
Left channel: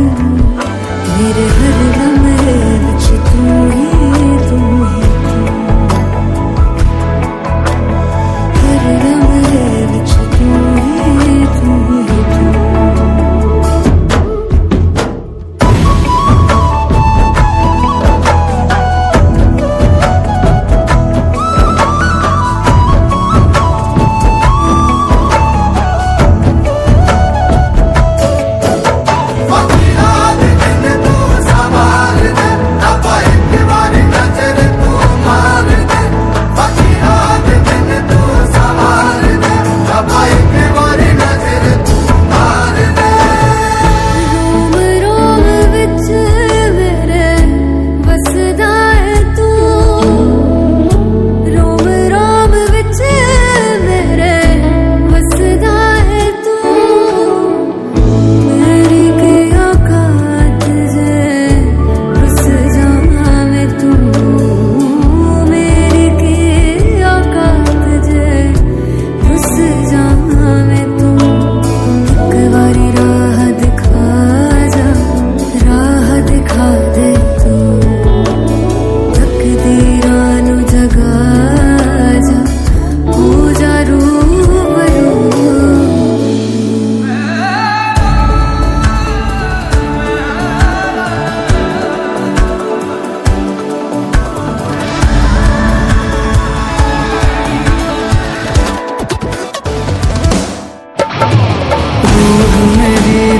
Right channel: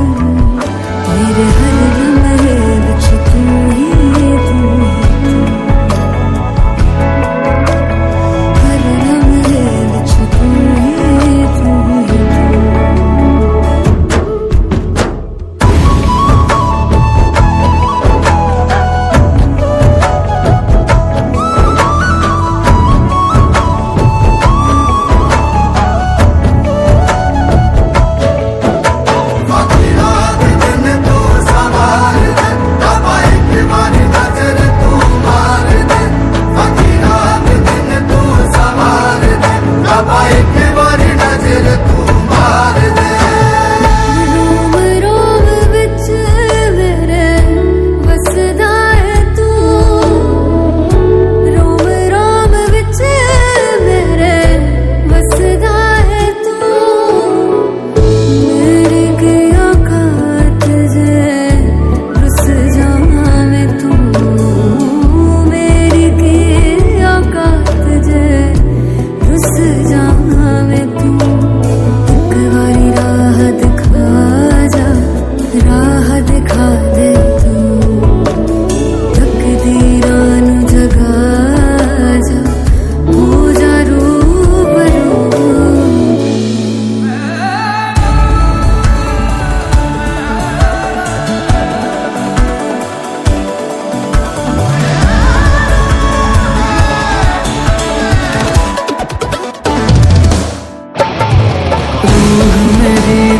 मेरे हर लम्हे which Tu he Tu, her Lamhe which तू ही तू।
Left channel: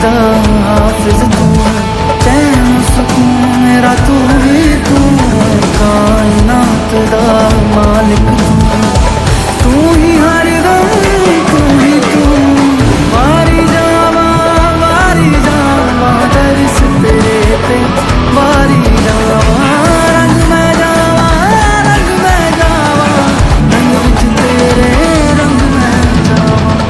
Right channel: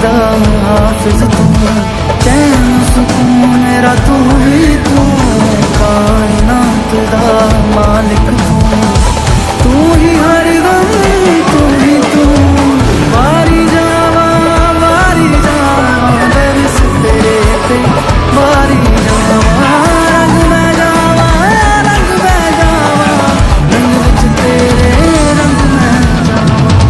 खुदा हाफिज तू, चैन सुकून मेरा तू ही तू, कायनात दा मालिक तू ही हर दम तू ही तू। वारी जावा दरिस तेरे ते, वारी जावा रंग मैं जावा रंग विच तेरे रंग मैं जावा।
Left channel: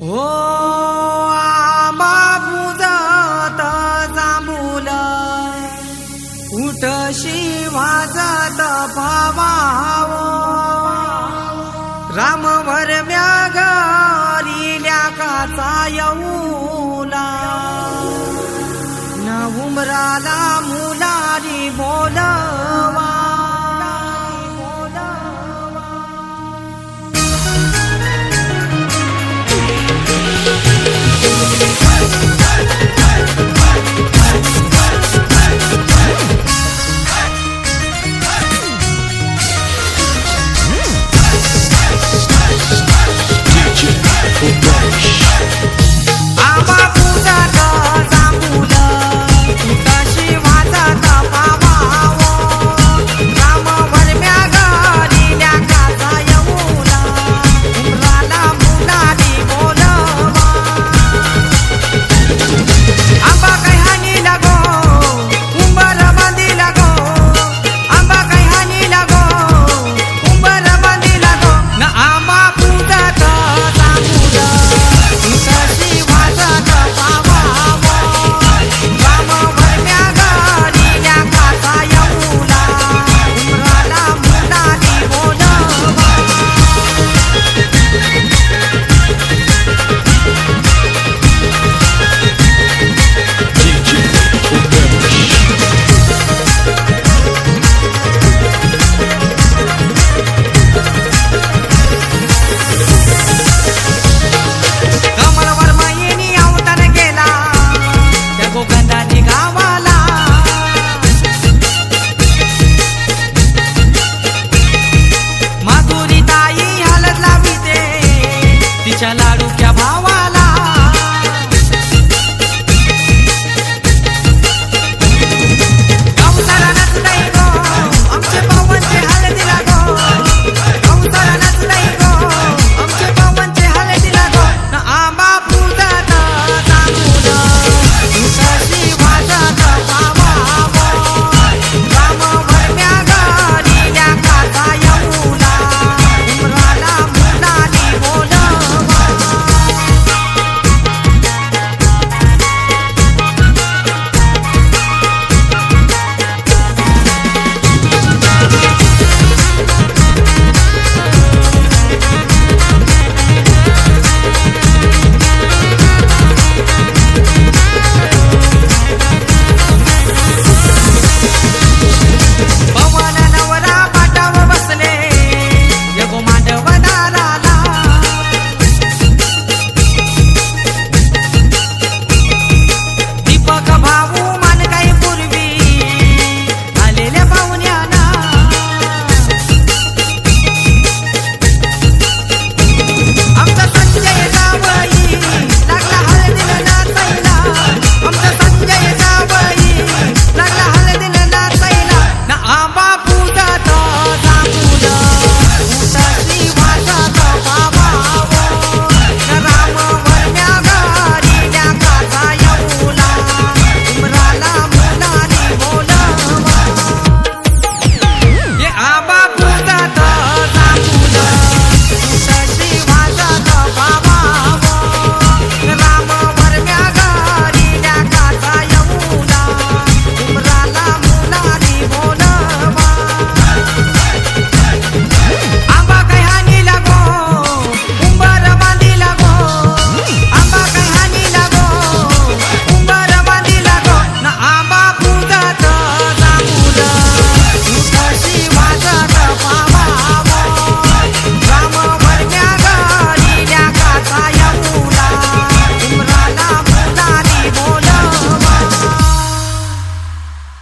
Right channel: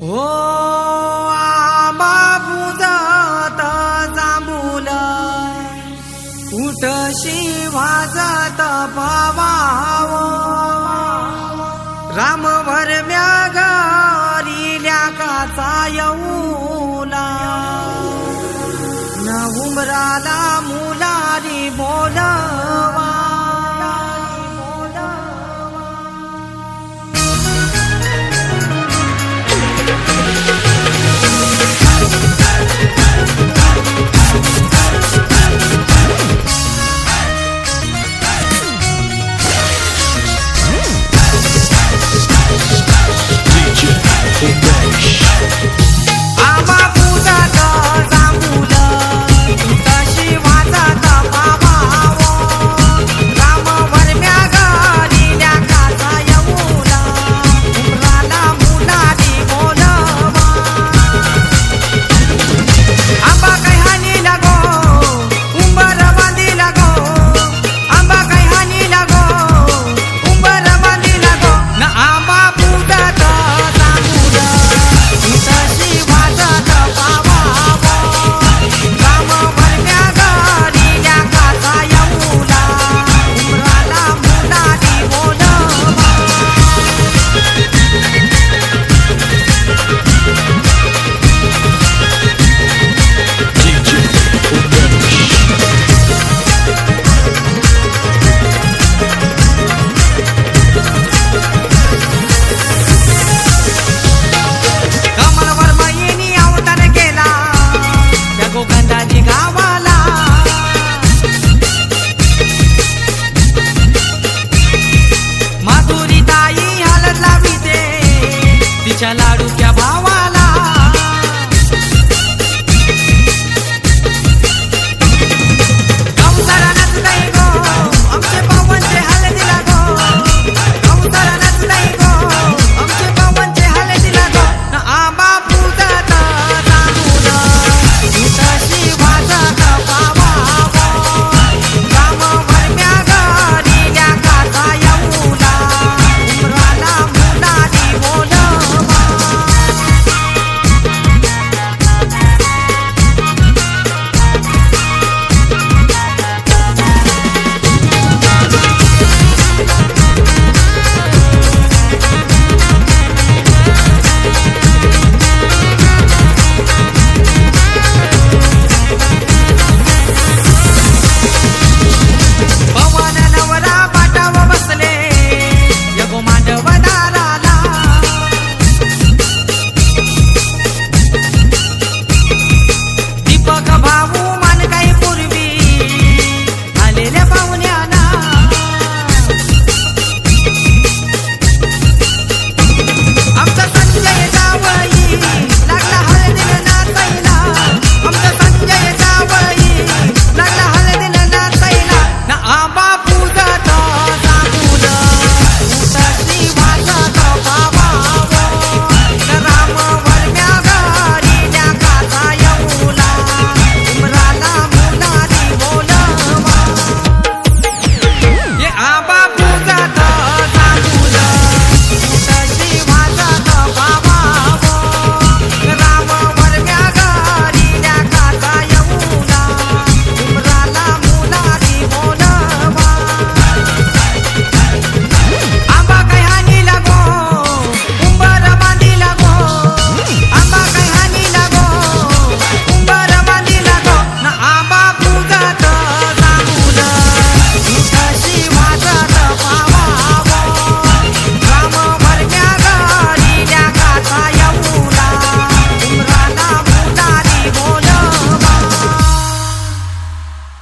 हो आंबा बुजत जांभूल उठशी वाजत पावाव राम भरम्या घरील्या काचा येऊला न उमराला मुलारी बोलवा आंबा पूजत जांभूल उठशी वाजत पावाव राम भरम्या घरील्या काचा येऊला उमराला मुलारी बोलवा आंबा काही हानी लागो उंबर बांधी लागो आंबा काही हानी लागो उंबर बांधी लागो न आंबा पूजत जांभूल उठशी वाजत पावाव राम भरम्या घरील्या काचा येऊला उमराला मुलारी बोलवा कमलवर मैनी अवतार गेला त्या गोगंधाजी गावाला माधुरी ताई हलत लावी दे तिच्या लाडूच्या भावाला